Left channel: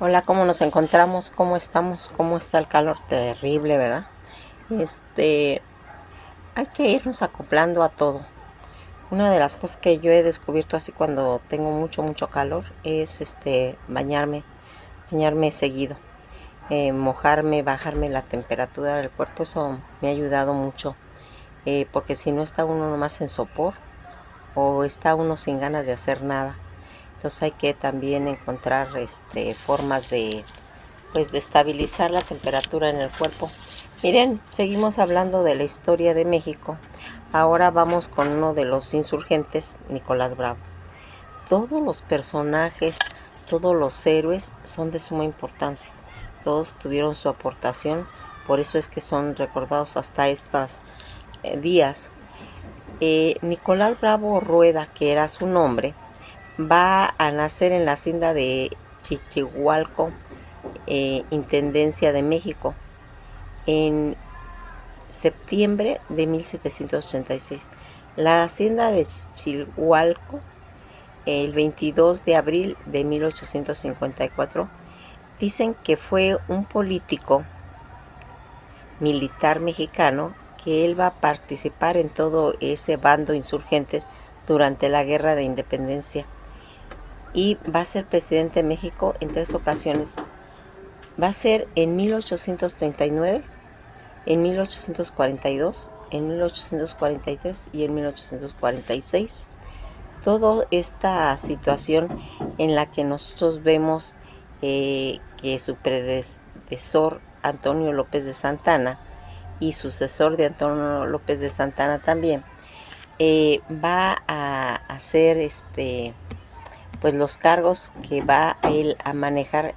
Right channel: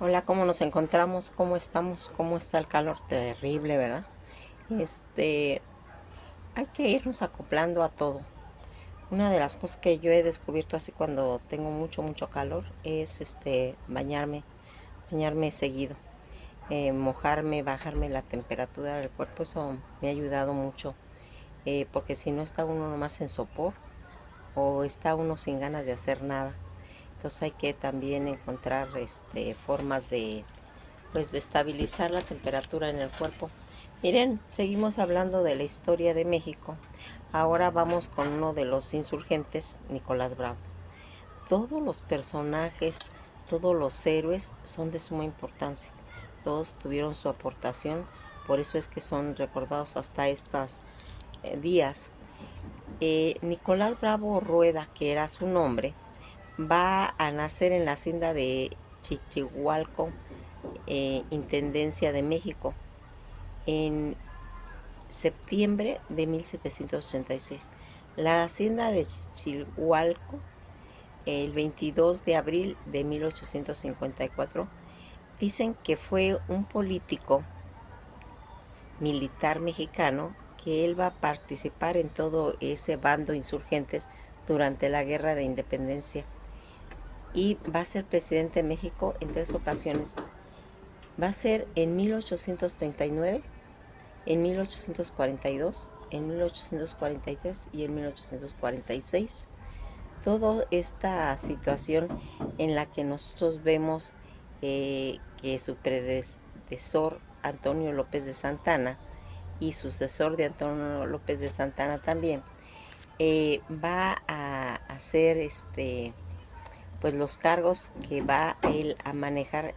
Hola, ¿cómo nos encontramos? ¿Cómo estamos? ¿Cómo está el calor? Terrible, ¿verdad? Este, Hay que irnos acoplando a todo. Una de las cosas que yo he descubierto así cuando tengo mucho calor es bañarme seguido. Mojarme, bajarme la temperatura del cuerpo, eso me ha ayudado mucho. Porque si no está uno nomás en sopor o está uno sin ganas de hacer nada. Entonces hay que también encontrar formas de estabilizar la temperatura en el cuerpo. Miren, seguimos hablando de la historia de México. Ahora vamos con uno de los insurgentes, Nicolás Bravo. Todos los personajes, todos los héroes son de suma importancia. Todos tuvieron su aportación, por eso es que son recordados hasta estos días. Nicolás Bravo Rueda, que era su nombre, va a nacer en la hacienda de Chichihualco, Intendencia de México, en septiembre de 1786. La hacienda de Chichihualco, el 22 de abril de 1854, dicen que fue un político militar mexicano que él va a participar en todo ese bando insurgentes durante la guerra de independencia y va a ser presidente de México en 3 ocasiones. Va a ser en 1839, en 1842, en 1843 y en 1846. Toda esta situación en la que nosotros vemos que su predecesor Antonio López de Santana y sucesor de Antonio López de Santana también va a hacer pues los cargos que va él a manejar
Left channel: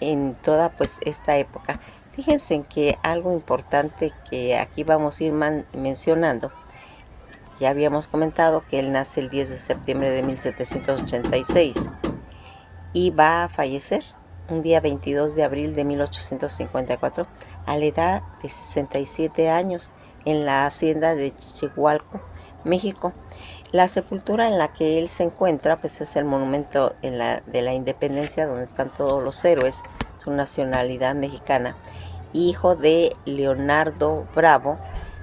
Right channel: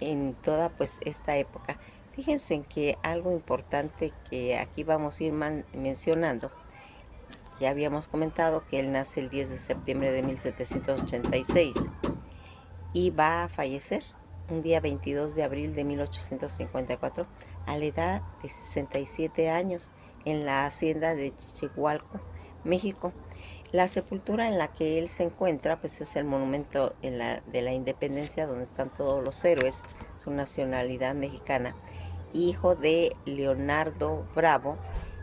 en toda pues esta época. Fíjense en que algo importante que aquí vamos a ir mencionando, ya habíamos comentado que él nace el 10 de septiembre de 1786 y va a fallecer un día 22 de abril de 1854 a la edad de 67 años en la hacienda de Chichihualco, México. La sepultura en la que él se encuentra pues es el monumento de la independencia donde están todos los héroes, su nacionalidad mexicana, hijo de Leonardo Bravo,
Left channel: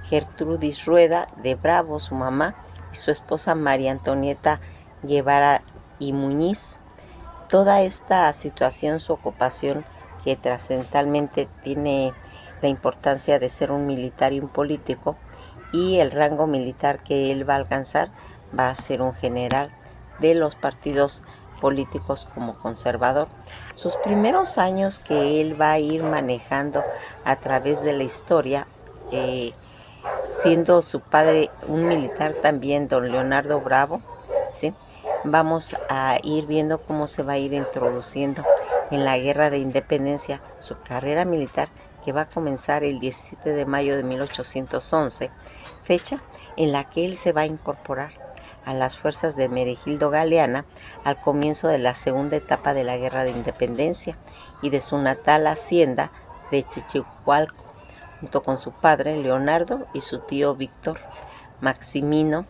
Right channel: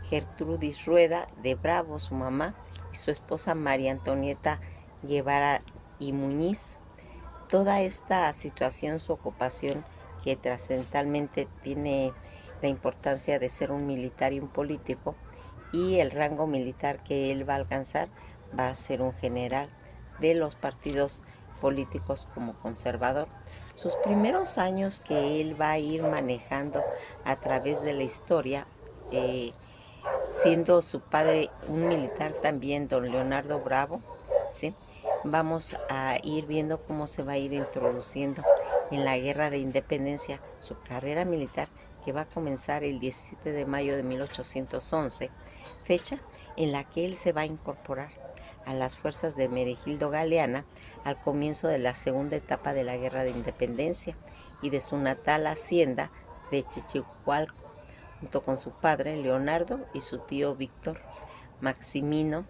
Gertrudis Rueda de Bravo, su mamá, y su esposa María Antonieta Guevara y Muñiz. Toda esta situación, su ocupación, que trascendentalmente tiene la importancia de ser un militar y un político, y el rango militar que él va a alcanzar va a ser un general de los partidos políticos como conservador. Sus primeros años que él va a ir manejando a través de la historia, siendo su padre un militar también, don Leonardo Bravo, ¿sí? Vamos a ir viendo cómo se va a ir introduciendo en la guerra de independencia su carrera militar, que va a comenzar el 17 de mayo de 1811, fecha en la que él se va a incorporar a las fuerzas de Meregildo Galeana al comienzo de la segunda etapa de la guerra de independencia y de su natal hacienda de Chichihualco, junto con su padre Leonardo y su tío Víctor, Maximino,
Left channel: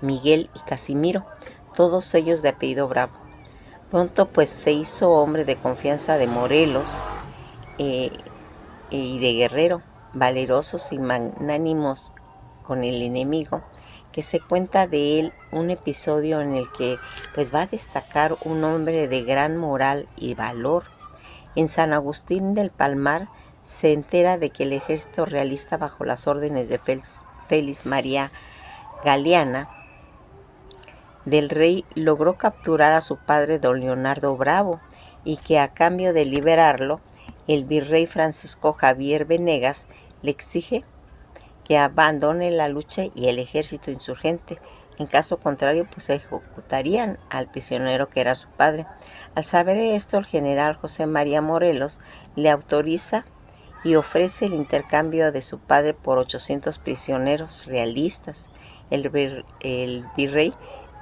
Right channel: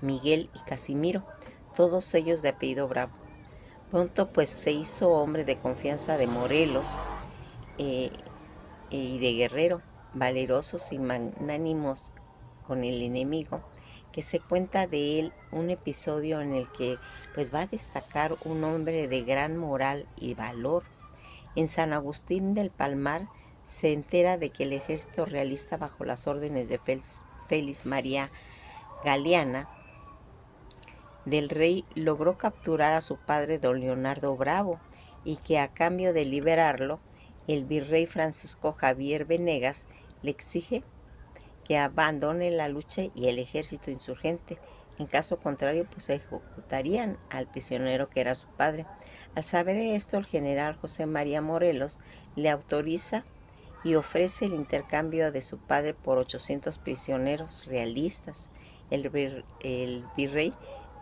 Miguel y Casimiro, todos ellos de apellido Bravo. Pronto pues se hizo hombre de confianza de Morelos eh, y de Guerrero, valerosos y magnánimos con el enemigo, que se cuenta de él un episodio en el que pues va a destacar un hombre de gran moral y valor. En San Agustín del Palmar se entera de que el ejército realista bajo las órdenes de Félix María Galeana del rey logró capturar a su padre don Leonardo Bravo y que a cambio de liberarlo, el virrey Francisco Javier Venegas le exige que abandone la lucha y el ejército insurgente. En caso contrario, pues ejecutarían al prisionero que era su padre. Al saber esto, el general José María Morelos le autoriza y ofrece el intercambio de su padre por 800 prisioneros realistas. El virrey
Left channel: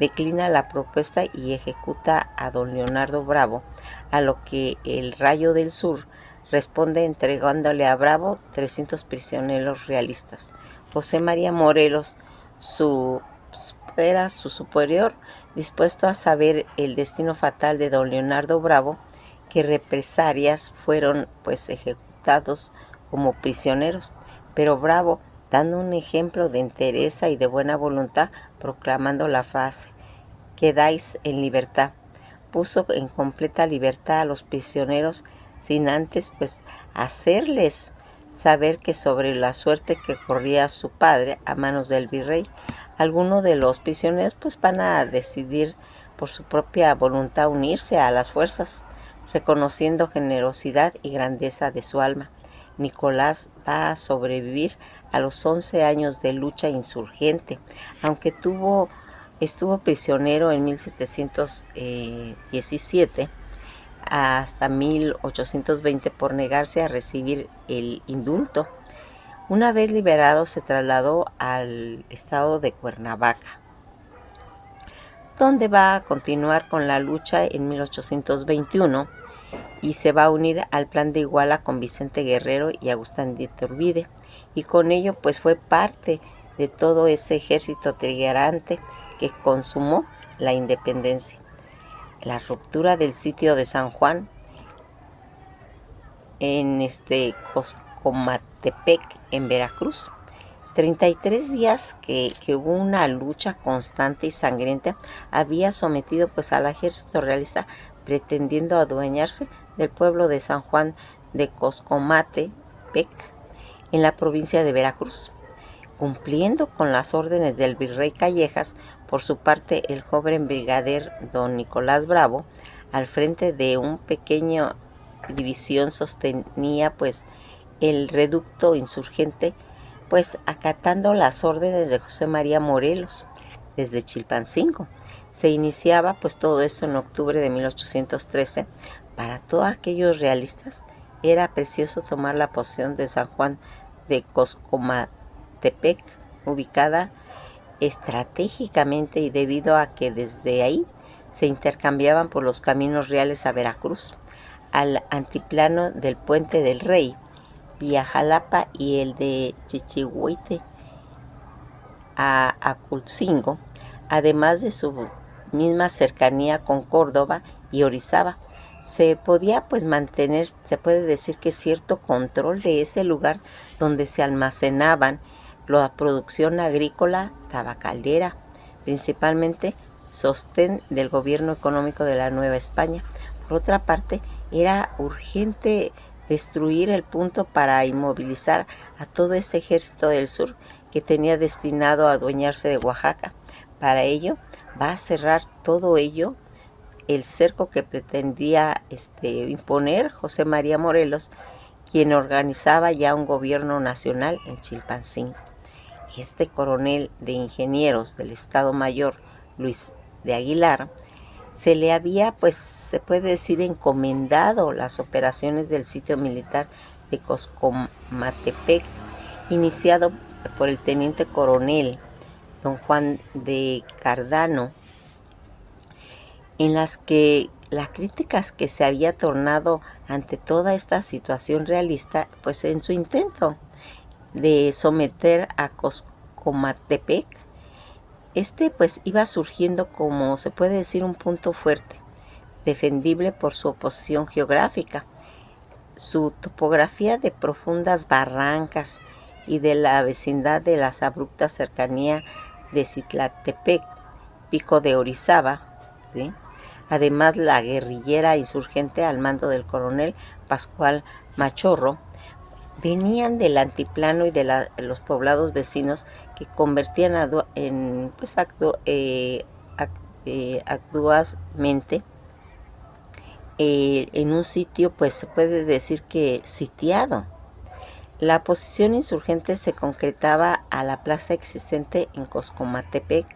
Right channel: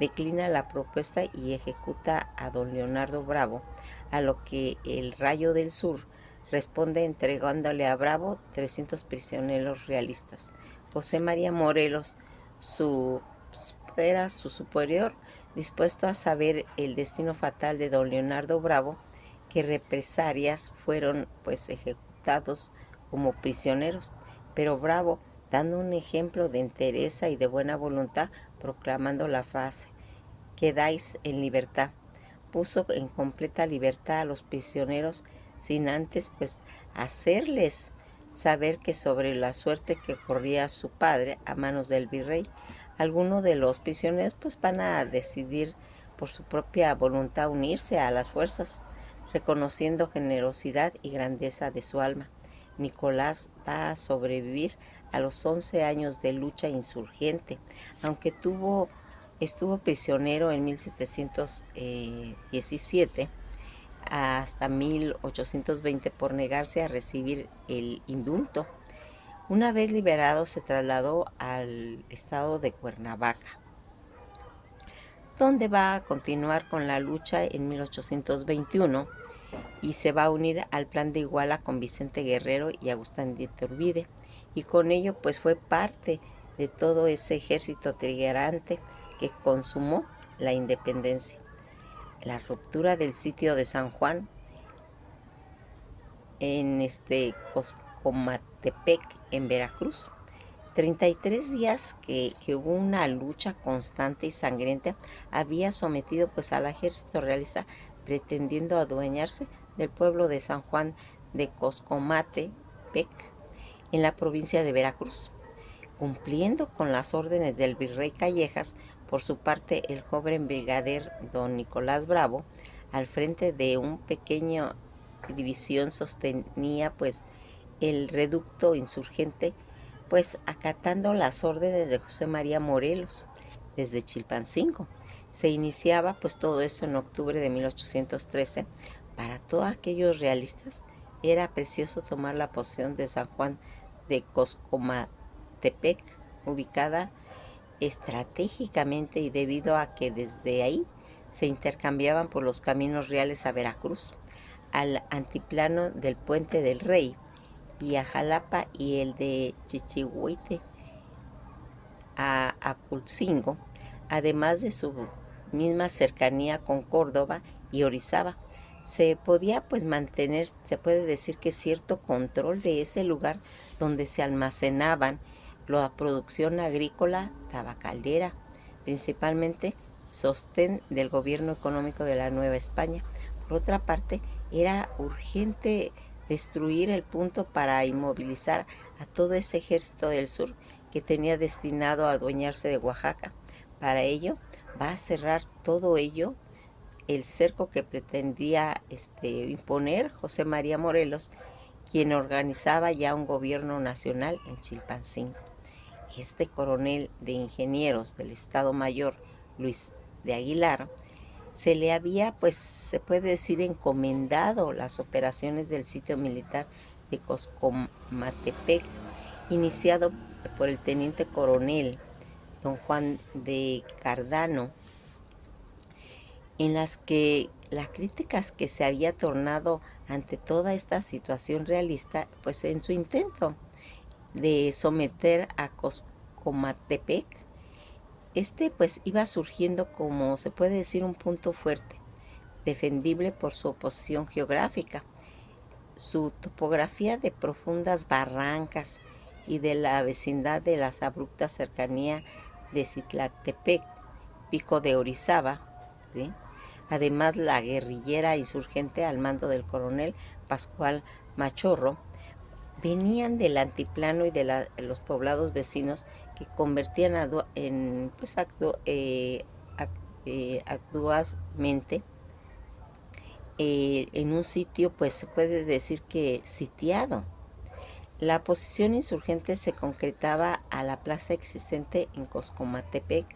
declina la propuesta y ejecuta a don Leonardo Bravo, a lo que el Rayo del Sur responde entregándole a Bravo 300 prisioneros realistas. José María Morelos, su era su superior, dispuesto a saber el destino fatal de don Leonardo Bravo, que represalias fueron pues ejecutados como prisioneros. Pero Bravo, dando un ejemplo de entereza y de buena voluntad, proclamando la frase: quedáis en libertad, puso en completa libertad a los prisioneros, sin antes pues hacerles saber que sobre la suerte que corría su padre a manos del virrey, algunos de los prisioneros pues van a decidir por su propia voluntad unirse a las fuerzas, reconociendo generosidad y grandeza de su alma. Nicolás va a sobrevivir a los 11 años de lucha insurgente, aunque estuvo prisionero en 1717 hasta 1820 por negarse a recibir el indulto. Una vez liberado, se trasladó al estado de Cuernavaca, donde va a continuar con la lucha en 1821 y se va a unir al plan de Iguala con Vicente Guerrero y Agustín de Iturbide, y con ello pues fue parte de todo ese ejército trigarante que consumó la independencia. La ruptura del sitio de San Juan en Coscomatepec, en Veracruz. 33 días que hubo una lucha constante y sangrienta, había sometido pues al ejército realista, pretendiendo adueñarse del pueblo de San Juan de Coscomatepec, en la provincia de Veracruz. Cumpliendo con las órdenes del virrey Callejas, por su parte el joven brigadier don Nicolás Bravo, al frente de un pequeño división, sostenía pues el reducto insurgente, pues acatando las órdenes de José María Morelos desde Chilpancingo. Se iniciaba pues todo esto en octubre de 1813. Para todos aquellos realistas era precioso tomar la posición de San Juan de Coscomatepec, ubicada estratégicamente y debido a que desde ahí se intercambiaban por los caminos reales a Veracruz, al antiplano del Puente del Rey, vía Jalapa, y el de Chichihuite a Aculcingo, además de su misma cercanía con Córdoba y Orizaba. Se podía pues mantener, se puede decir que cierto control de ese lugar donde se almacenaban la producción agrícola tabacalera, principalmente sostén del gobierno económico de la Nueva España. Por otra parte, era urgente destruir el punto para inmovilizar a todo ese ejército del sur que tenía destinado a adueñarse de Oaxaca. Para ello, va a cerrar todo ello el cerco que pretendía imponer José María Morelos, quien organizaba ya un gobierno nacional en Chilpancingo. Este coronel de ingenieros del Estado Mayor, Luis de Aguilar, se le había, pues se puede decir, encomendado las operaciones del sitio militar de Coscomatepec, iniciado por el teniente coronel don Juan de Cardano, en las que las críticas que se había tornado ante toda esta situación realista, pues en su intento de someter a Coscomatepec, pues iba surgiendo, como se puede decir, un punto fuerte, defendible por su oposición geográfica, su topografía de profundas barrancas y de la vecindad de las abruptas cercanías de Citlaltepec, Pico de Orizaba, ¿sí? Además, la guerrillera insurgente al mando del coronel Pascual Machorro venían del antiplano y de los poblados vecinos, que convertían actualmente en un sitio, pues se puede decir que sitiado. La posición insurgente se concretaba a la plaza existente en Coscomatepec,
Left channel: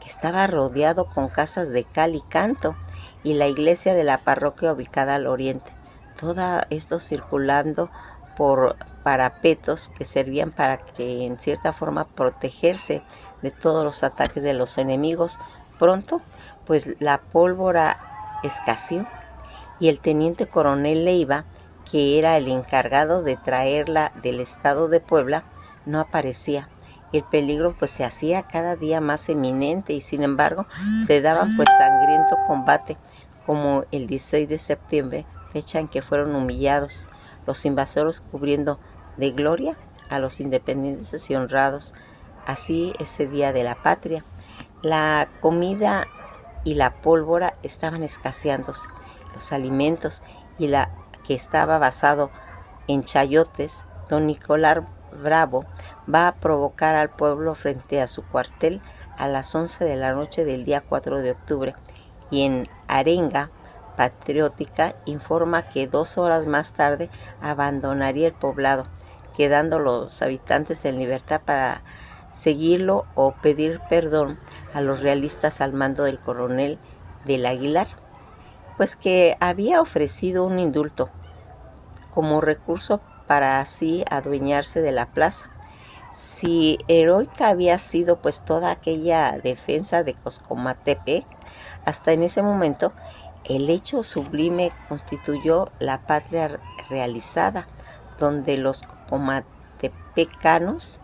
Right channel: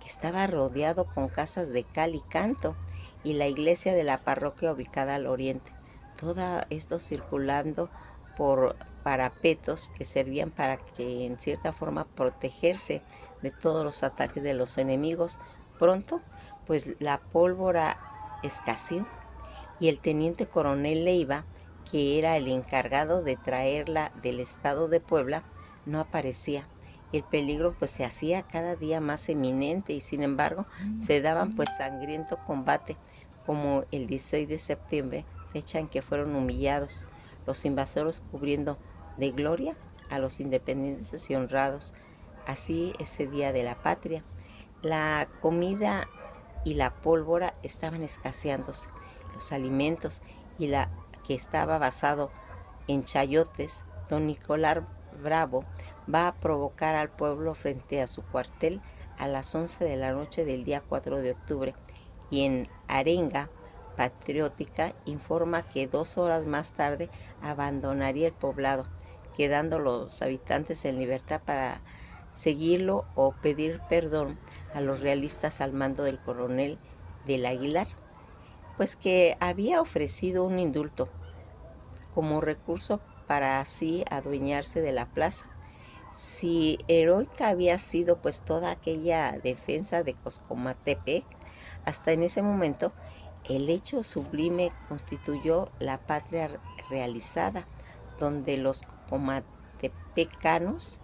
que estaba rodeado con casas de cal y canto, y la iglesia de la parroquia ubicada al oriente. Todo esto circulando por parapetos que servían para que, en cierta forma, protegerse de todos los ataques de los enemigos. Pronto, pues la pólvora escaseó y el teniente coronel Leiva, que era el encargado de traerla del estado de Puebla, no aparecía. el peligro pues se hacía cada día más eminente y sin embargo se daban pues sangriento combate, como el 16 de septiembre, fecha en que fueron humillados los invasores, cubriendo de gloria a los independientes y honrados así ese día de la patria. La comida y la pólvora estaban escaseándose, los alimentos y la que estaba basado en chayotes. Don Nicolás Bravo va a provocar al pueblo frente a su cuartel a las 11 de la noche del día 4 de octubre y en arenga patriótica informa que 2 horas más tarde abandonaría el poblado, quedando los habitantes en libertad para seguirlo o pedir perdón a los realistas al mando del coronel del Aguilar, pues que había ofrecido un indulto como recurso para así adueñarse de la plaza. Si heroica había sido pues toda aquella defensa de Coscomatepec, hasta en ese momento el hecho sublime constituyó la patria realizada, donde los comatepecanos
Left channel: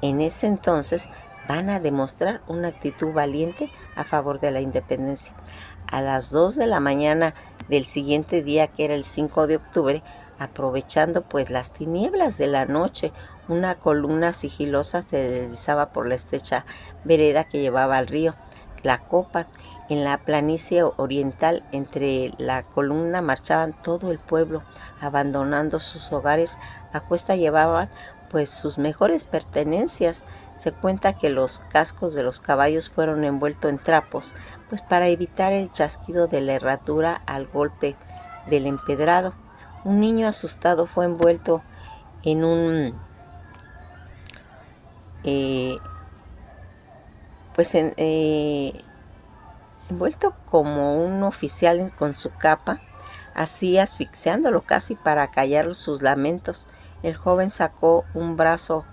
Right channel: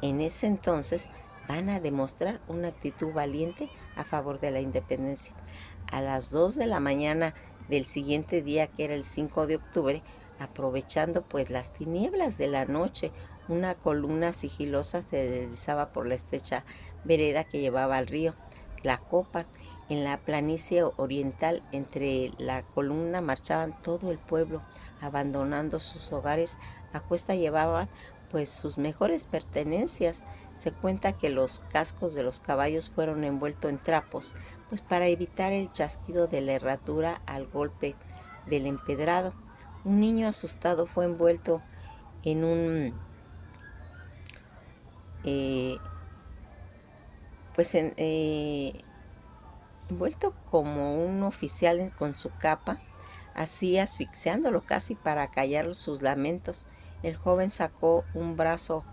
en ese entonces van a demostrar una actitud valiente a favor de la independencia. A las 2 de la mañana del siguiente día, que era el 5 de octubre, aprovechando pues las tinieblas de la noche, una columna sigilosa se deslizaba por la estrecha vereda que llevaba al río Tlacopan. En la planicie oriental, entre la columna marchaban todo el pueblo, abandonando sus hogares. A cuesta llevaban pues sus mejores pertenencias. Se cuenta que los cascos de los caballos fueron envueltos en trapos, pues para evitar el chasquido de la herradura al golpe del empedrado. Un niño asustado fue envuelto en un envuelto como un oficial con su capa, así asfixiándolo casi para callar sus lamentos. El joven sacó un brazo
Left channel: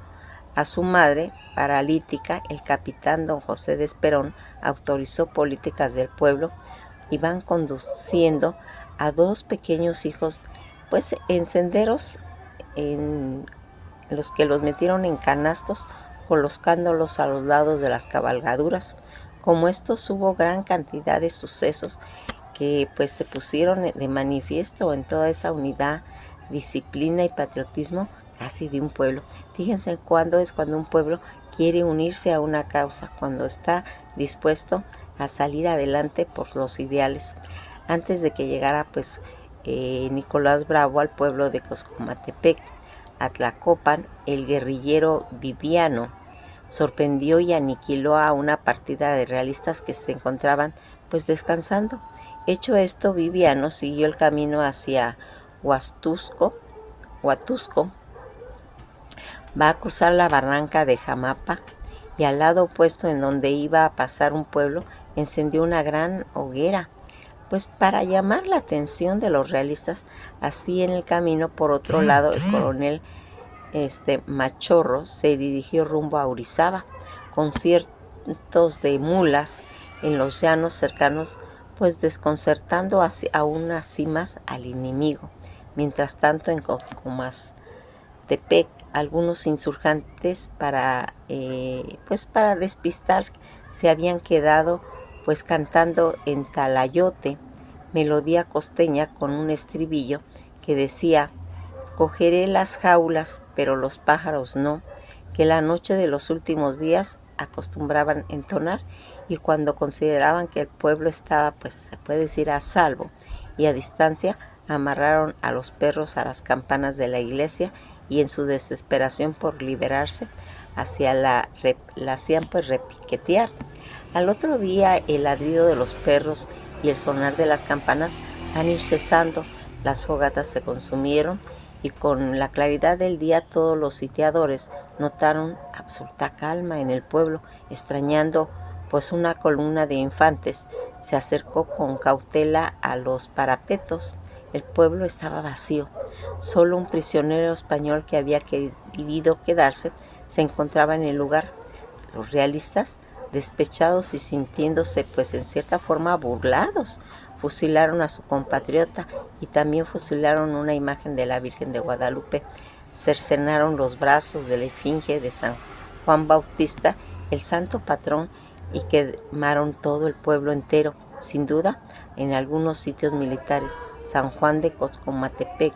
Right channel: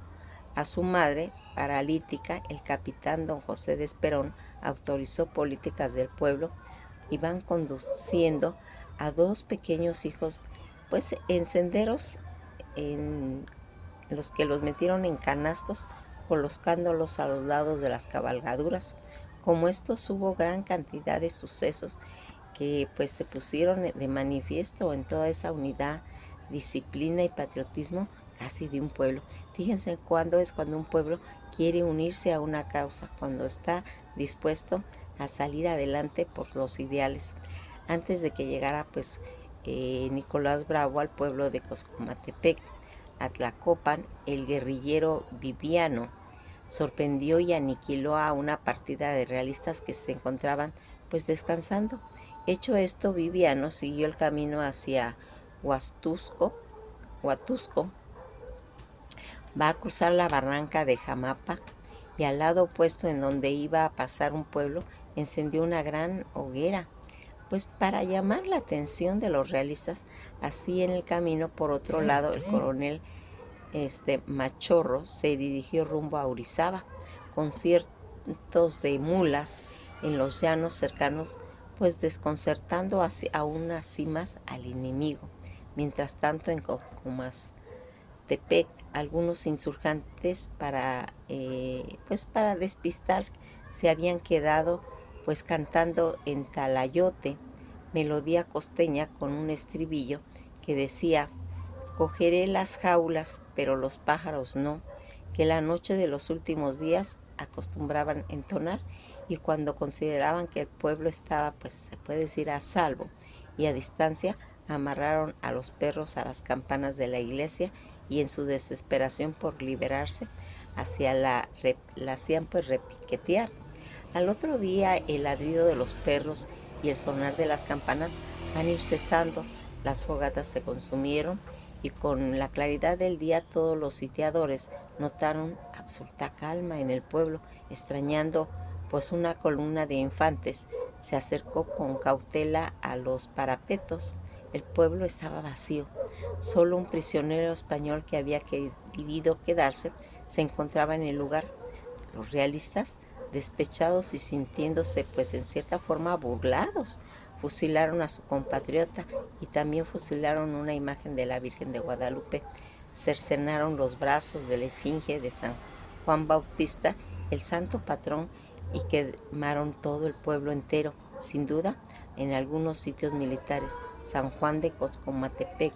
a su madre paralítica. El capitán don José de Esperón autorizó políticas del pueblo y van conduciendo a 2 pequeños hijos pues en senderos en los que los metieron en canastos, colocándolos a los lados de las cabalgaduras. Como estos hubo gran cantidad de sucesos que pues se pusieron de manifiesto en toda esa unidad, disciplina y patriotismo casi de un pueblo. Fíjense cuando un pueblo quiere unirse a una causa, cuando está dispuesto a salir adelante por los ideales. Antes de que llegara pues Nicolás Bravo al pueblo de Coscomatepec, a Tlacopan, el guerrillero Viviano sorprendió y aniquiló a una partida de realistas que se encontraban pues descansando. Hecho esto, Viviano siguió el camino hacia Huatusco, va a cruzar la barranca de Jamapa y al lado opuesto, en donde iba a pasar un pueblo, encendió una gran hoguera, pues para llamar la atención de los realistas. Así en el camino, por otro lado, el coronel Machorro se dirigió rumbo a Orizaba con cientos de mulas en los llanos cercanos, pues desconcertando aún así más al enemigo. Mientras tanto, en Coscomatepec, algunos insurgentes para despistar se habían quedado pues cantando en talayote, melodía costeña con un estribillo que decía: cogeré las jaulas, pero los pájaros no, que la noche de los últimos días acostumbraban entonar, y cuando consideraban que el pueblo estaba, pues se puede decir, a salvo y a distancia, amarraron a los perros a las campanas de la iglesia y en su desesperación por liberarse la hacían pues repiquetear. Al otro día el ladrido de los perros y el sonar de las campanas van a ir cesando. Las fogatas se consumieron y con la claridad del día todos los sitiadores notaron absoluta calma en el pueblo. Extrañando pues una columna de infantes se acercó con cautela a los parapetos. El pueblo estaba vacío. Solo un prisionero español que había querido quedarse se encontraba en el lugar. Los realistas, despechados y sintiéndose pues en cierta forma burlados, fusilaron a su compatriota y también fusilaron una imagen de la Virgen de Guadalupe. Cercenaron los brazos de la esfinge de San Juan Bautista, el santo patrón, y quemaron todo el pueblo entero. Sin duda, en algunos sitios militares, San Juan de Coscomatepec,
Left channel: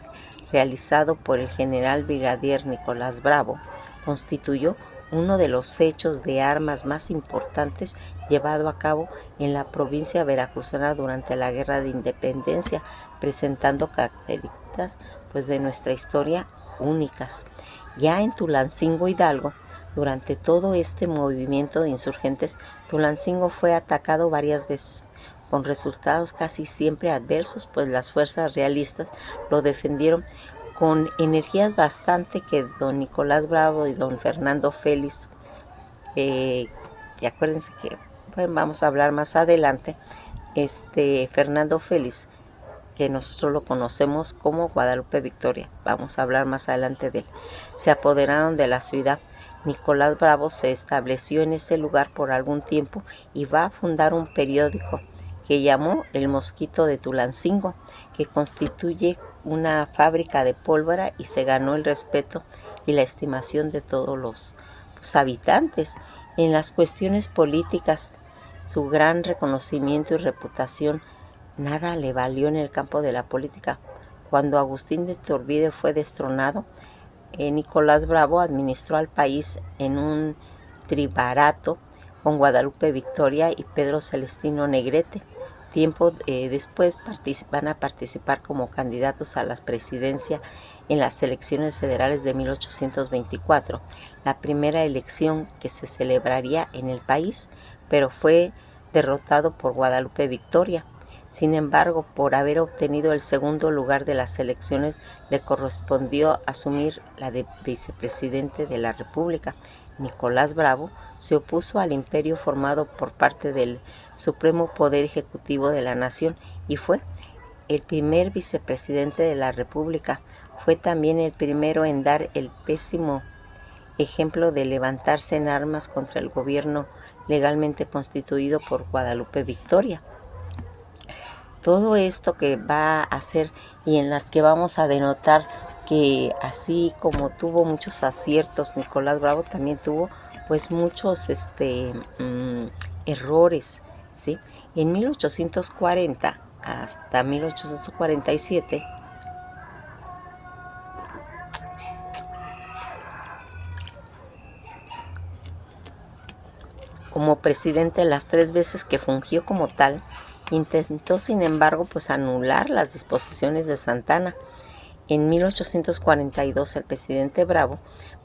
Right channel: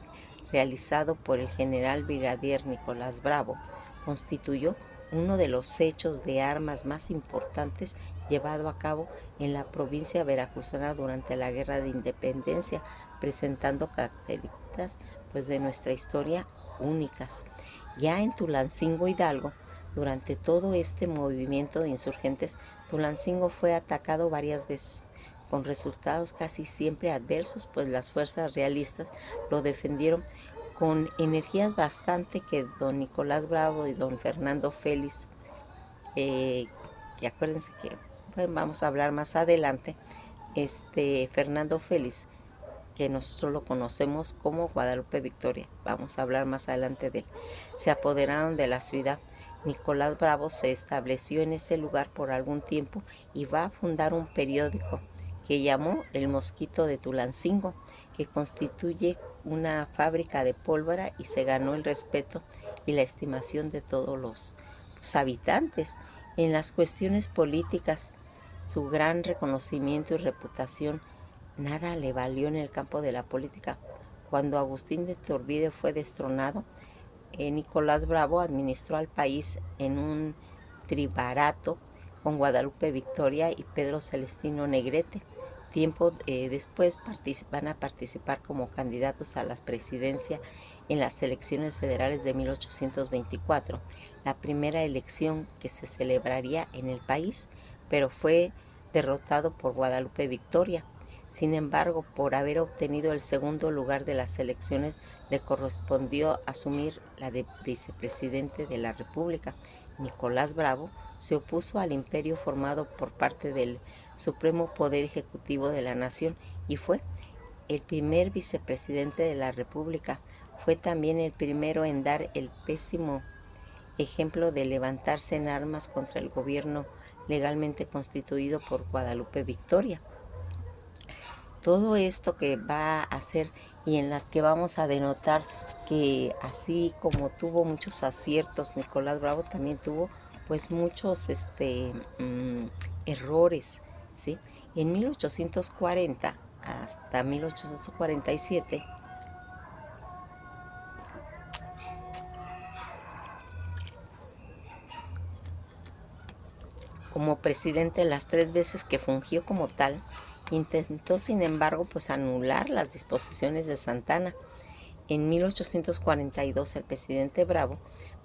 realizado por el general brigadier Nicolás Bravo, constituyó uno de los hechos de armas más importantes llevado a cabo en la provincia veracruzana durante la Guerra de Independencia, presentando características pues, de nuestra historia únicas. Ya en Tulancingo, Hidalgo, durante todo este movimiento de insurgentes, Tulancingo fue atacado varias veces, con resultados casi siempre adversos, pues las fuerzas realistas lo defendieron con energías bastante que don Nicolás Bravo y don Fernando Félix, que acuérdense que bueno, vamos a hablar más adelante, Fernando Félix, que nosotros lo conocemos como Guadalupe Victoria, vamos a hablar más adelante de él, se apoderaron de la ciudad. Nicolás Bravo se estableció en ese lugar por algún tiempo y va a fundar un periódico que llamó El Mosquito de Tulancingo, que constituye una fábrica de pólvora y se ganó el respeto y la estimación de todos los habitantes. En las cuestiones políticas, su gran reconocimiento y reputación nada le valió en el campo de la política. Cuando Agustín de Iturbide fue destronado, Nicolás Bravo administró al país en un tribarato con Guadalupe Victoria y Pedro Celestino Negrete. Tiempo después van a participar como candidatos a la presidencia en las elecciones federales de 1824, la primera elección que se celebraría en el país, pero fue derrotado por Guadalupe Victoria. Sin embargo, por haber obtenido el segundo lugar de las elecciones, le correspondió asumir la de vicepresidente de la República. Nicolás Bravo se opuso al imperio formado por parte del Supremo Poder Ejecutivo de la Nación y fue el primer vicepresidente de la República. Fue también el primero en dar el pésimo ejemplo de levantarse en armas contra el gobierno legalmente constituido por Guadalupe Victoria. Todo esto que va a hacer y en las que vamos a denotar que así como tuvo muchos aciertos, Nicolás Bravo también tuvo pues muchos errores, ¿sí? En 1840 hasta 1847 como presidente, las 3 veces que fungió como tal, intentó sin embargo pues anular las disposiciones de Santa Anna. En 1842 el presidente Bravo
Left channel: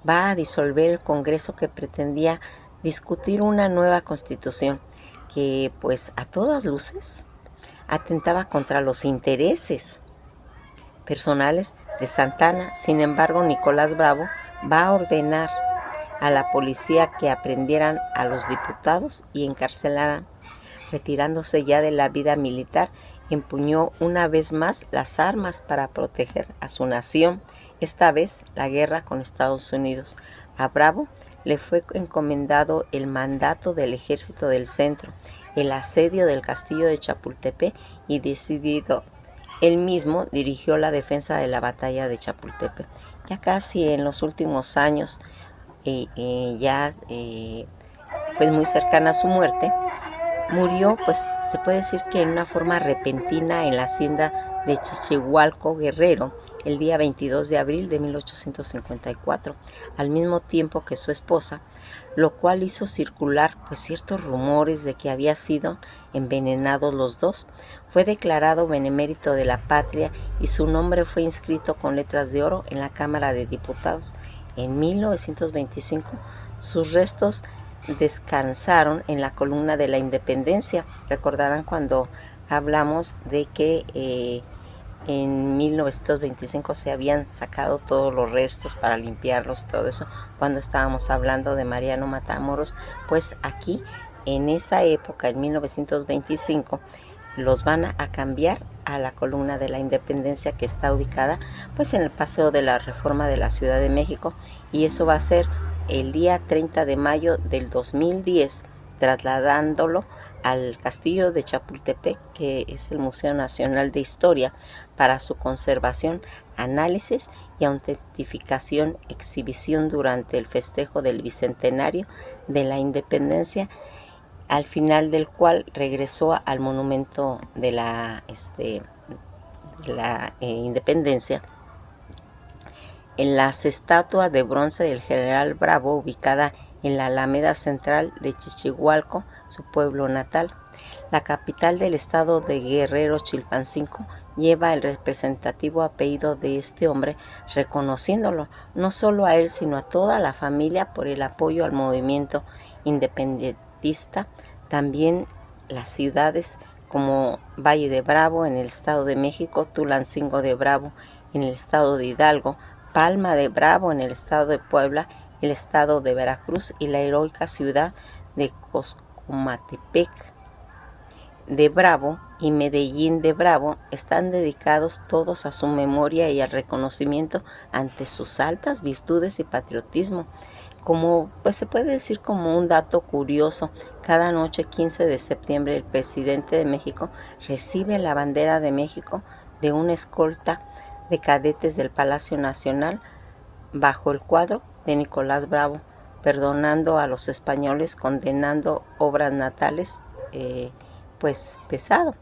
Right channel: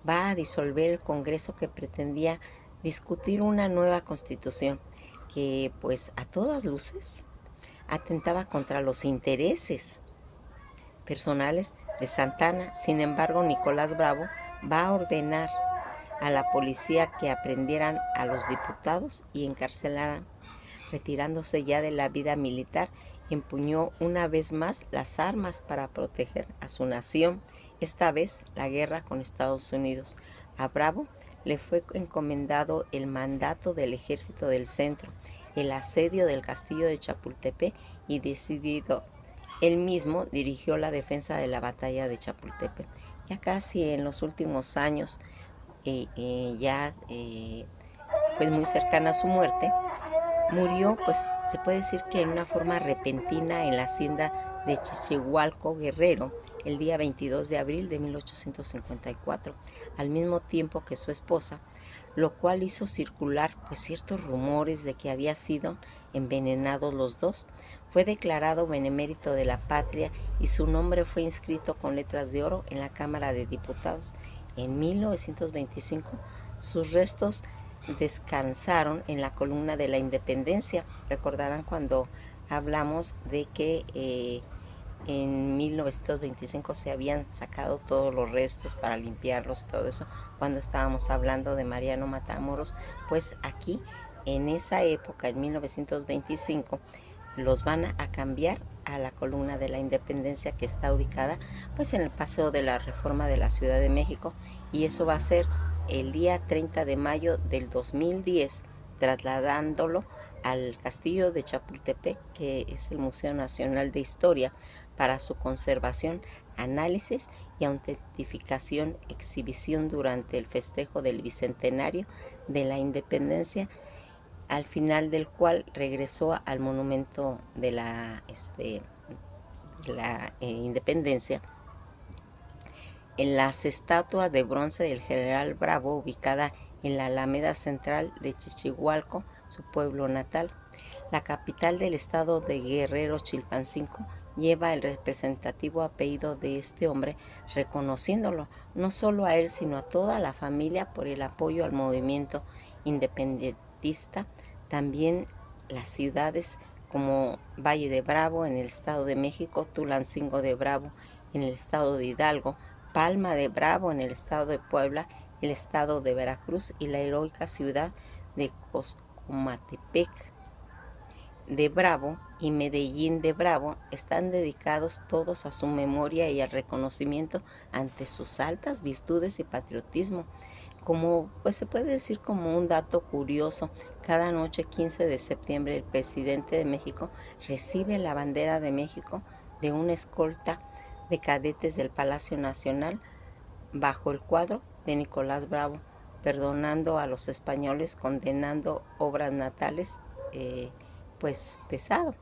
va a disolver el Congreso que pretendía discutir una nueva constitución que pues a todas luces atentaba contra los intereses personales de Santa Anna. Sin embargo, Nicolás Bravo va a ordenar a la policía que aprendieran a los diputados y encarcelaran. Retirándose ya de la vida militar, empuñó una vez más las armas para proteger a su nación, esta vez la guerra con Estados Unidos. A Bravo le fue encomendado el mandato del Ejército del Centro, el asedio del castillo de Chapultepec y decidido él mismo dirigió la defensa de la batalla de Chapultepec. Ya casi en los últimos años, pues muy cercana a su muerte, murió, pues se puede decir que en una forma repentina en la hacienda de Chichihualco, Guerrero, el día 22 de abril de 1854, al mismo tiempo que su esposa, lo cual hizo circular pues ciertos rumores de que había sido envenenados los dos. Fue declarado benemérito de la patria y su nombre fue inscrito con letras de oro en la Cámara de Diputados. En 1925, sus restos descansaron en la columna de la Independencia. Recordarán cuando hablamos de que en 1925 se habían sacado todos los restos para limpiarlos, todo eso, cuando estábamos hablando de Mariano Matamoros, pues aquí en esa época, en 1925, los van a cambiar a la columna de la Independencia, que está ubicada pues en el Paseo de la Reforma de la Ciudad de México, y eso va a ser el día 30 de mayo del 2010, trasladándolo al Castillo de Chapultepec, que es el Museo Nacional de Historia, para su conservación análisis y autentificación, exhibición durante el festejo del bicentenario de la independencia, al final del cual regresó al monumento de la independencia en las estatuas de bronce del general Bravo, ubicada en la Alameda Central de Chichihualco, su pueblo natal. La capital del estado de Guerrero, Chilpancingo, lleva el representativo apellido de este hombre, reconociéndolo no solo a él, sino a toda la familia por el apoyo al movimiento independentista. También las ciudades como Valle de Bravo en el estado de México, Tulancingo de Bravo en el estado de Hidalgo, Palma de Bravo en el estado de Puebla, el estado de Veracruz y la heroica ciudad de Coscomatepec de Bravo y Medellín de Bravo están dedicados todos a su memoria y al reconocimiento ante sus altas virtudes y patriotismo. Como pues se puede decir como un dato curioso, cada noche 15 de septiembre el presidente de México recibe la bandera de México de una escolta de cadetes del Palacio Nacional bajo el cuadro de Nicolás Bravo, perdonando a los españoles, condenando obras natales, pues pesado,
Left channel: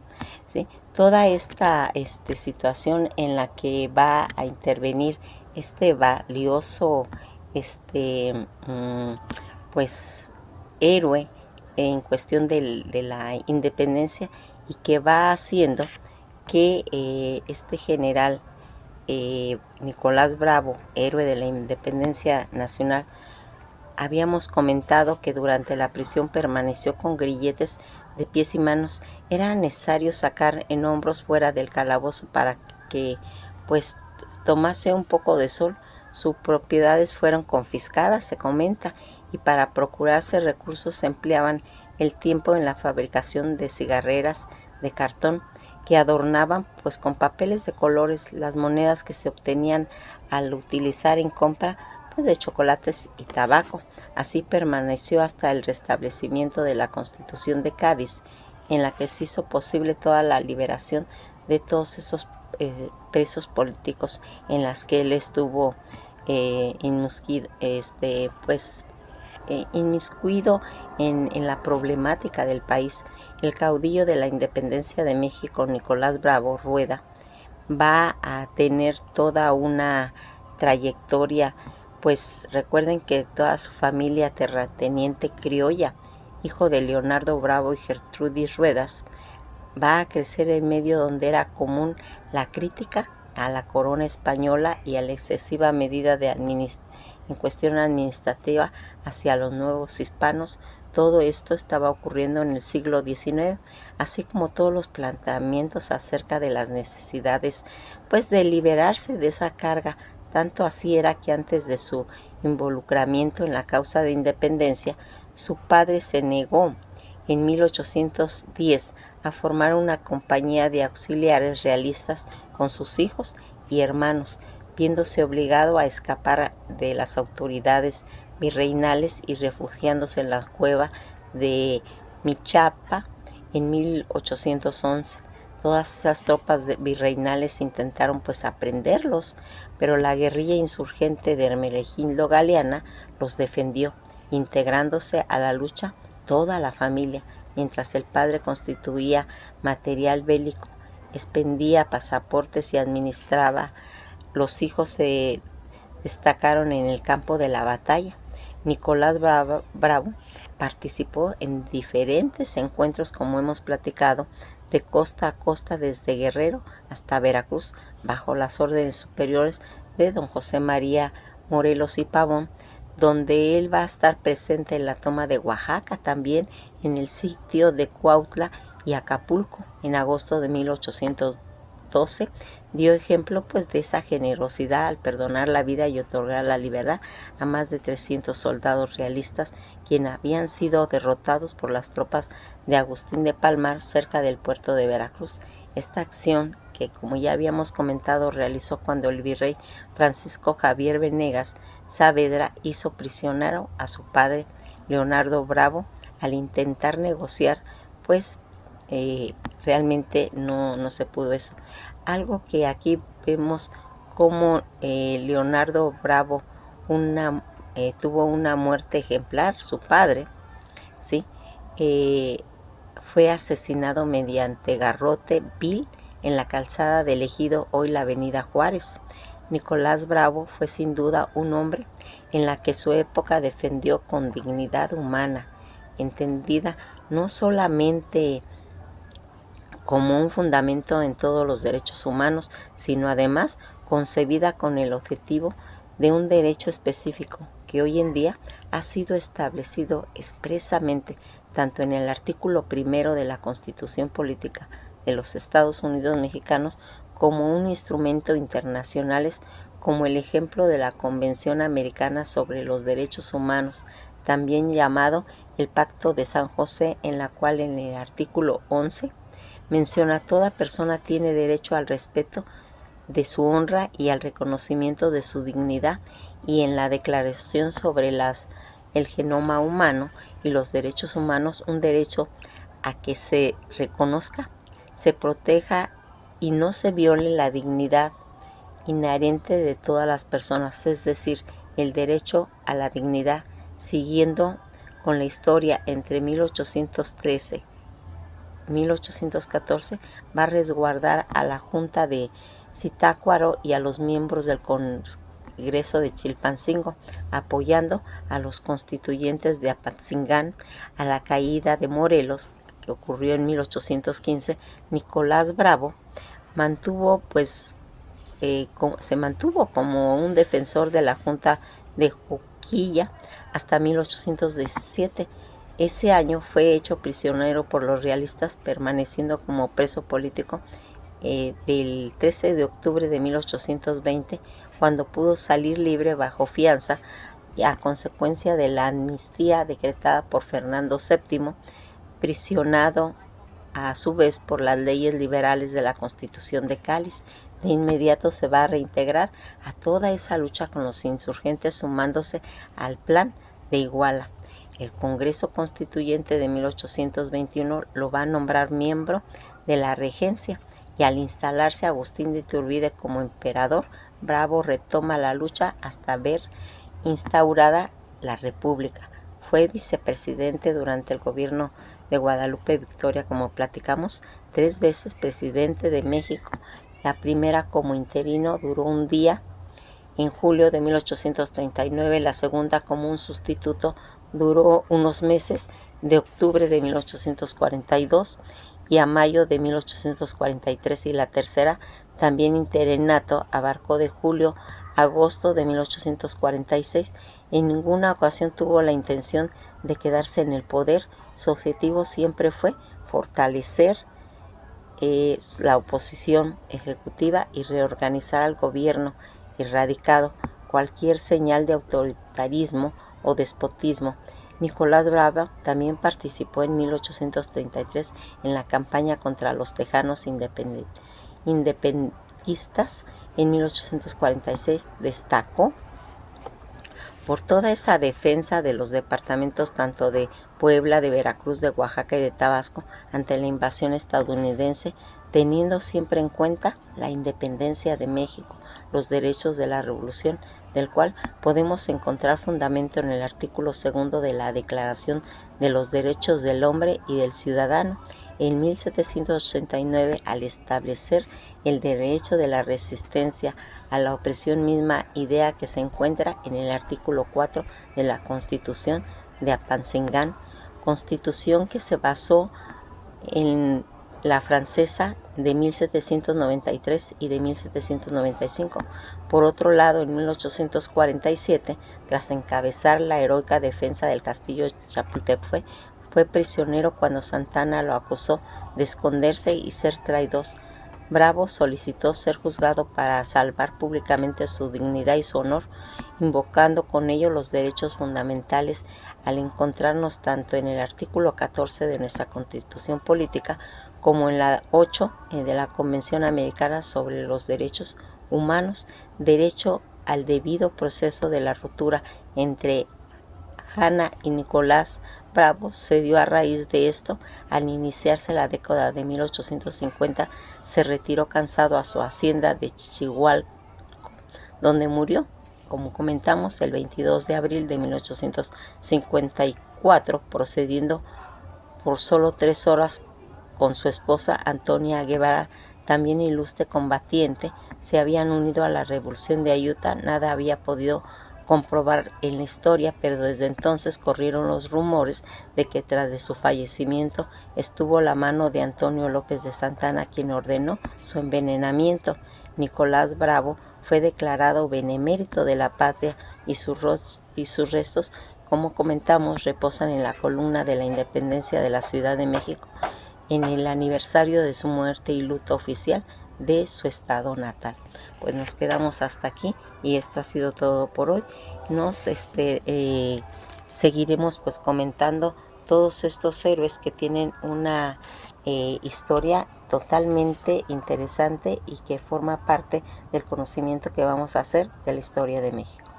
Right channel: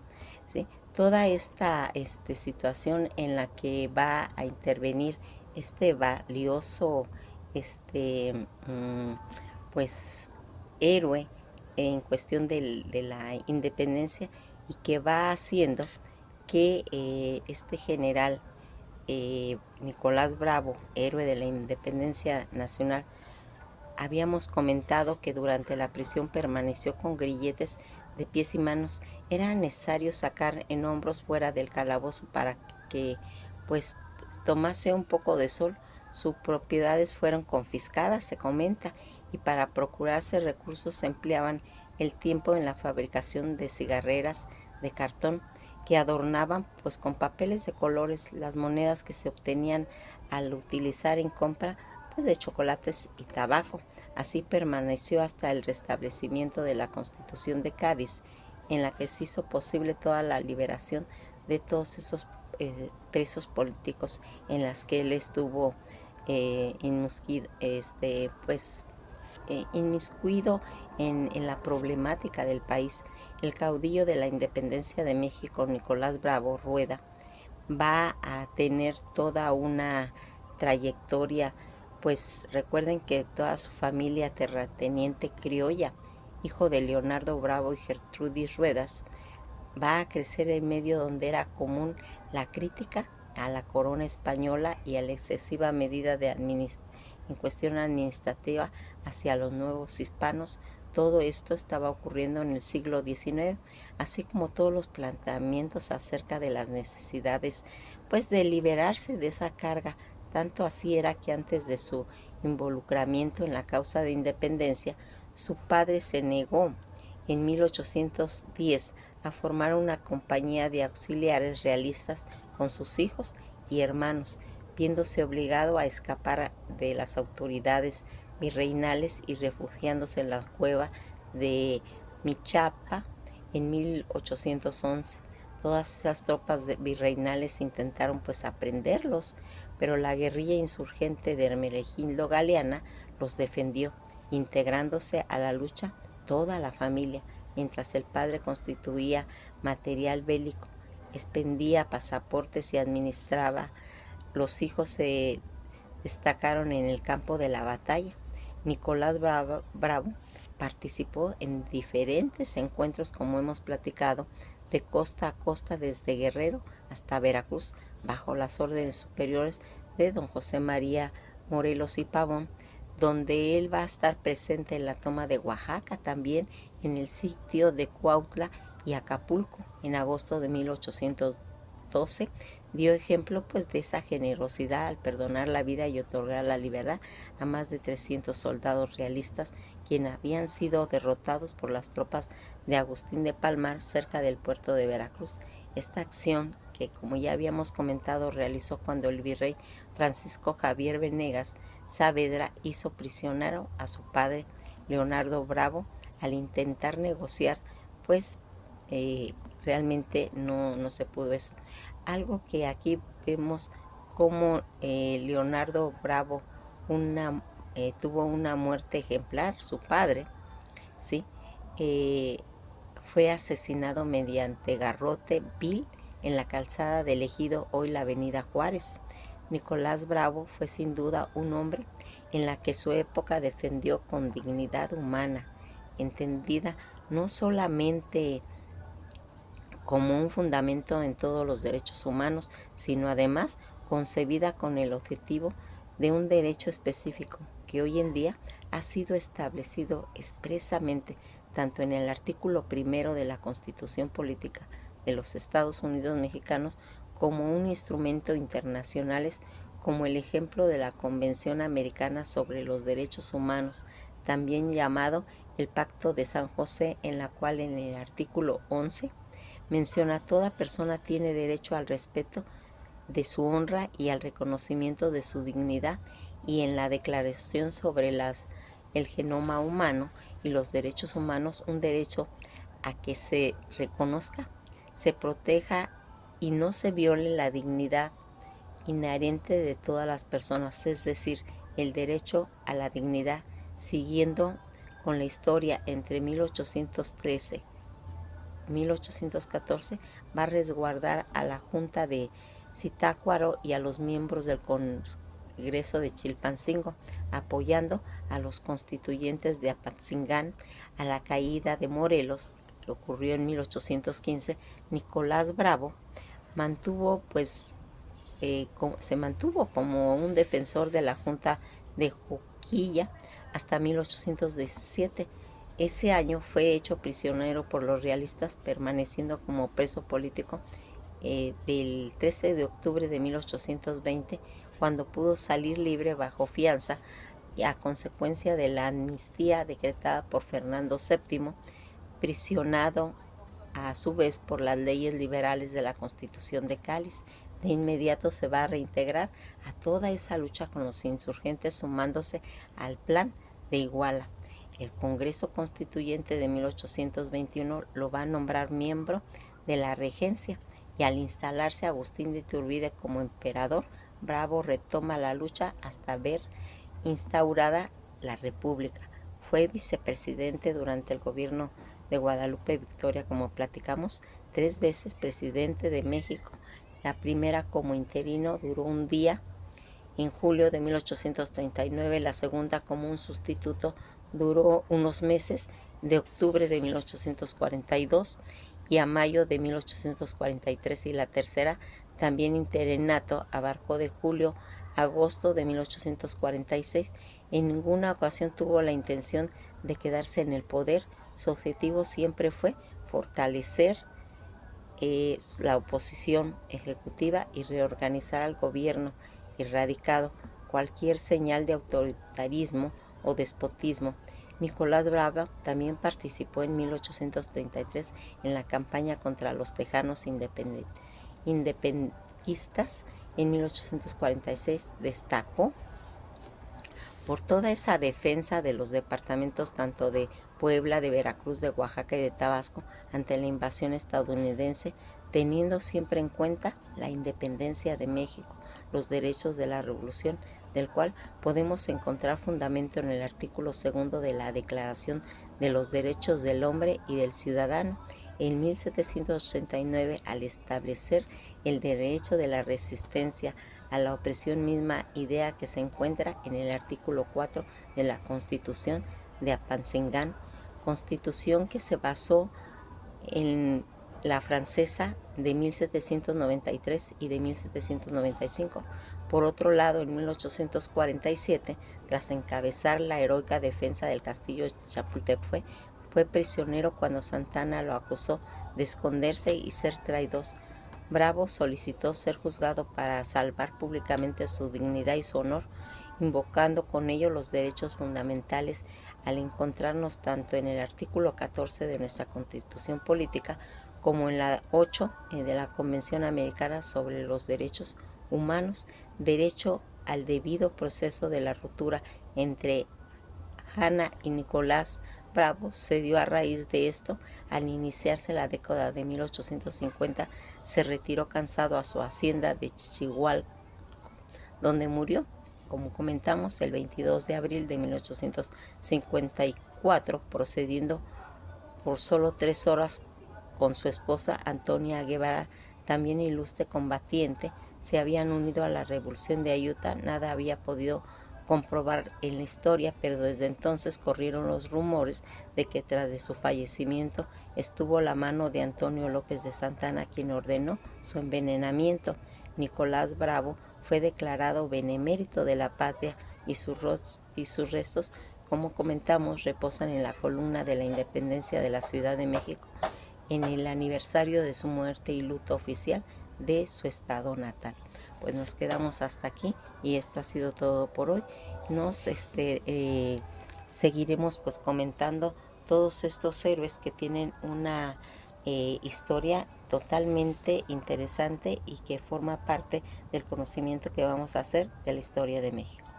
¿sí? Toda esta situación en la que va a intervenir este valioso pues héroe en cuestión de la independencia, y que va haciendo que este general Nicolás Bravo, héroe de la independencia nacional, habíamos comentado que durante la prisión permaneció con grilletes de pies y manos. Era necesario sacar en hombros fuera del calabozo para que pues tomase un poco de sol. Sus propiedades fueron confiscadas, se comenta, y para procurarse recursos se empleaban el tiempo en la fabricación de cigarreras de cartón que adornaban pues con papeles de colores las monedas que se obtenían al utilizar en compra pues de chocolates y tabaco. Así permaneció hasta el restablecimiento de la Constitución de Cádiz, en la que se hizo posible toda la liberación de todos esos presos políticos en las que él estuvo inmiscuido en la problemática del país. El caudillo de la independencia de México, Nicolás Bravo Rueda, va a tener toda una trayectoria. Pues recuerden que toda su familia terrateniente criolla, hijo de Leonardo Bravo y Gertrudis Ruedas, va a crecer en medio donde era común la crítica a la corona española y a la excesiva medida en cuestión administrativa hacia los nuevos hispanos. Todo esto estaba ocurriendo en el siglo XIX, así como todos los planteamientos acerca de las necesidades pues de liberarse de esa carga. Tanto así era que antes de su involucramiento en la causa de independencia, su padre se negó en 1810 a formar una compañía de auxiliares realistas con sus hijos y hermanos, viéndose obligado a escapar de las autoridades virreinales y refugiándose en la cueva de Michapa en 1811. Todas esas tropas virreinales intentaron pues aprenderlos, pero la guerrilla insurgente de Hermenegildo Galiana los defendió, integrándose a la lucha toda la familia, mientras el padre constituía material bélico, expendía pasaportes y administraba. Los hijos se destacaron en el campo de la batalla. Nicolás Bravo participó en diferentes encuentros, como hemos platicado, de costa a costa desde Guerrero hasta Veracruz, bajo las órdenes superiores de don José María Morelos y Pavón, donde él va a estar presente en la toma de Oaxaca, también en el sitio de Cuautla y Acapulco en agosto de 1812. Dio ejemplo pues de esa generosidad al perdonar la vida y otorgar la libertad a más de 300 soldados realistas, quienes habían sido derrotados por las tropas de Agustín de Palmar cerca del puerto de Veracruz. Esta acción, que como ya habíamos comentado, realizó cuando el virrey Francisco Javier Venegas Saavedra hizo prisionero a su padre Leonardo Bravo. Al intentar negociar, pues realmente no se pudo eso. Algo que aquí vemos cómo Leonardo Bravo tuvo una muerte ejemplar. Su padre, ¿sí? Fue asesinado mediante garrote vil en la calzada del Ejido, hoy la avenida Juárez. Nicolás Bravo fue sin duda un hombre en la que su época defendió con dignidad humana, entendida no solamente como un fundamento en todos los derechos humanos, sino además concebida con el objetivo de un derecho específico que hoy en día ha sido establecido expresamente tanto en el artículo primero de la Constitución Política de los Estados Unidos Mexicanos como un instrumento internacional, como el ejemplo de la Convención Americana sobre los Derechos Humanos, también llamado el Pacto de San José, en la cual en el artículo 11 menciona: toda persona tiene derecho al respeto de su honra y al reconocimiento de su dignidad, y en la Declaración sobre el Genoma Humano y los Derechos Humanos, un derecho a que se reconozca, se proteja y no se viole la dignidad inherente de todas las personas, es decir, el derecho a la dignidad. Siguiendo con la historia, entre 1813 1814 va a resguardar a la Junta de Zitácuaro y a los miembros del Congreso de Chilpancingo, apoyando a los constituyentes de Apatzingán. A la caída de Morelos, que ocurrió en 1815, Nicolás Bravo se mantuvo como un defensor de la Junta de Juquilla hasta 1817. Ese año fue hecho prisionero por los realistas, permaneciendo como preso político del 13 de octubre de 1820, cuando pudo salir libre bajo fianza a consecuencia de la amnistía decretada por Fernando VII, prisionado a su vez por las leyes liberales de la Constitución de Cáliz. De inmediato se va a reintegrar a toda esa lucha con los insurgentes, sumándose al Plan de Iguala. El Congreso Constituyente de 1821 lo va a nombrar miembro de la regencia, y al instalarse Agustín de Iturbide como emperador, Bravo retoma la lucha hasta ver instaurada la República. Fue vicepresidente durante el gobierno de Guadalupe Victoria, como platicamos, 3 veces presidente de México. La primera como interino duró un día, en julio de 1839, la segunda como un sustituto duró unos meses, de octubre de 1842 y a mayo de 1843, y la tercera, también interinato, abarcó de julio a agosto de 1846. En ninguna ocasión tuvo la intención de quedarse en el poder. Su objetivo siempre fue fortalecer la oposición ejecutiva y reorganizar al gobierno, erradicado cualquier señal de autoritarismo o despotismo. Nicolás Bravo también participó en 1833 en la campaña contra los tejanos independistas. En 1846 destacó por toda esa defensa de los departamentos tanto de Puebla, de Veracruz, de Oaxaca y de Tabasco ante la invasión estadounidense, teniendo siempre en cuenta la independencia de México, los derechos de la Revolución, del cual podemos encontrar fundamento en el artículo 2 de la Declaración de los Derechos del Hombre y del Ciudadano, en 1789, al establecer el derecho de la resistencia a la opresión, misma idea que se encuentra en el artículo 4 de la Constitución de Apatzingán, constitución que se basó en la francesa de 1793 y de 1795. Por otro lado, en 1847, tras encabezar la heroica defensa del castillo de Chapultepec, fue prisionero cuando Santana lo acusó de esconderse y ser traidor. Bravo solicitó ser juzgado para salvar públicamente su dignidad y su honor, invocando con ello los derechos fundamentales, al encontrarnos tanto en el artículo 14 de nuestra Constitución Política como en la 8 de la Convención Americana sobre los Derechos Humanos, derecho al debido proceso. De la ruptura entre Hanna y Nicolás Bravo se dio a raíz de esto. Al iniciarse la década de 1850, se retiró cansado a su hacienda de Chihuahua, donde murió, como comentamos, el 22 de abril de 1854, procediendo por solo 3 horas con su esposa Antonia Guevara, también ilustre combatiente. Se habían unido a la revolución de Ayutla. Nada había podido comprobar en la historia, pero desde entonces corrieron los rumores de que tras de su fallecimiento estuvo la mano de Antonio López de Santana, quien ordenó su envenenamiento. Nicolás Bravo fue declarado benemérito de la patria y sus restos, como comentamos, reposan en la columna de la Independencia de la Ciudad de México en el aniversario de su muerte y luto oficial de su estado natal. Pues nos quedamos hasta aquí y esto ha sido todo por hoy. Nos seguiremos pues comentando todos estos héroes que tienen una historia totalmente interesante y que forma parte del conocimiento que vamos a hacer de la historia de México.